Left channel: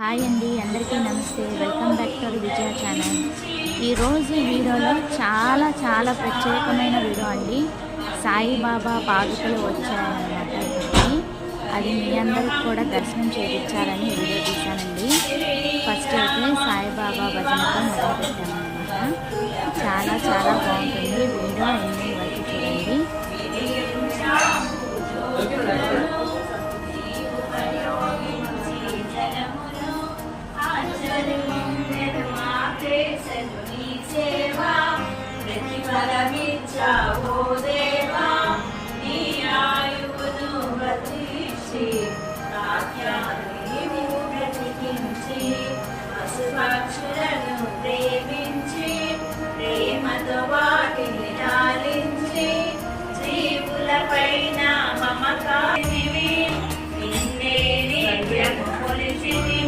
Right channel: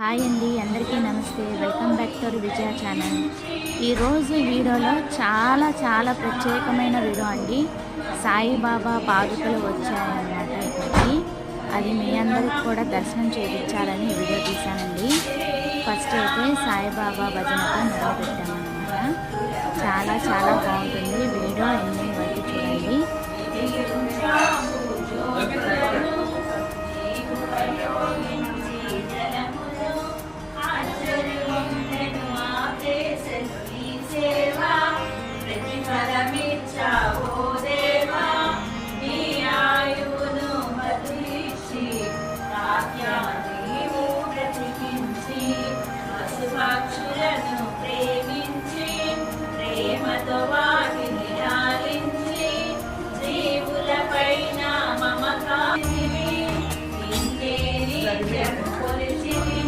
Hi అండి, అందరికీ నమస్తే. Welcome back to Vijaya channel. ఈరోజు వీడియోలో చాలా ప్రత్యేకమైన వీడియో అండి. సాయిబాబా పాదుకలు వచ్చాయన్నమాట ఇక్కడికి. అది మీ అందరికి కూడా దర్శనం చేయించాలని వీడియో తీశానండి. ఫస్ట్ అయితే సాయిబాబా భజనతో మొదలుపెట్టామన్నమాట. చాలా బాగుంటుంది. వీడియో ఎండింగ్ వరకు చూడండి.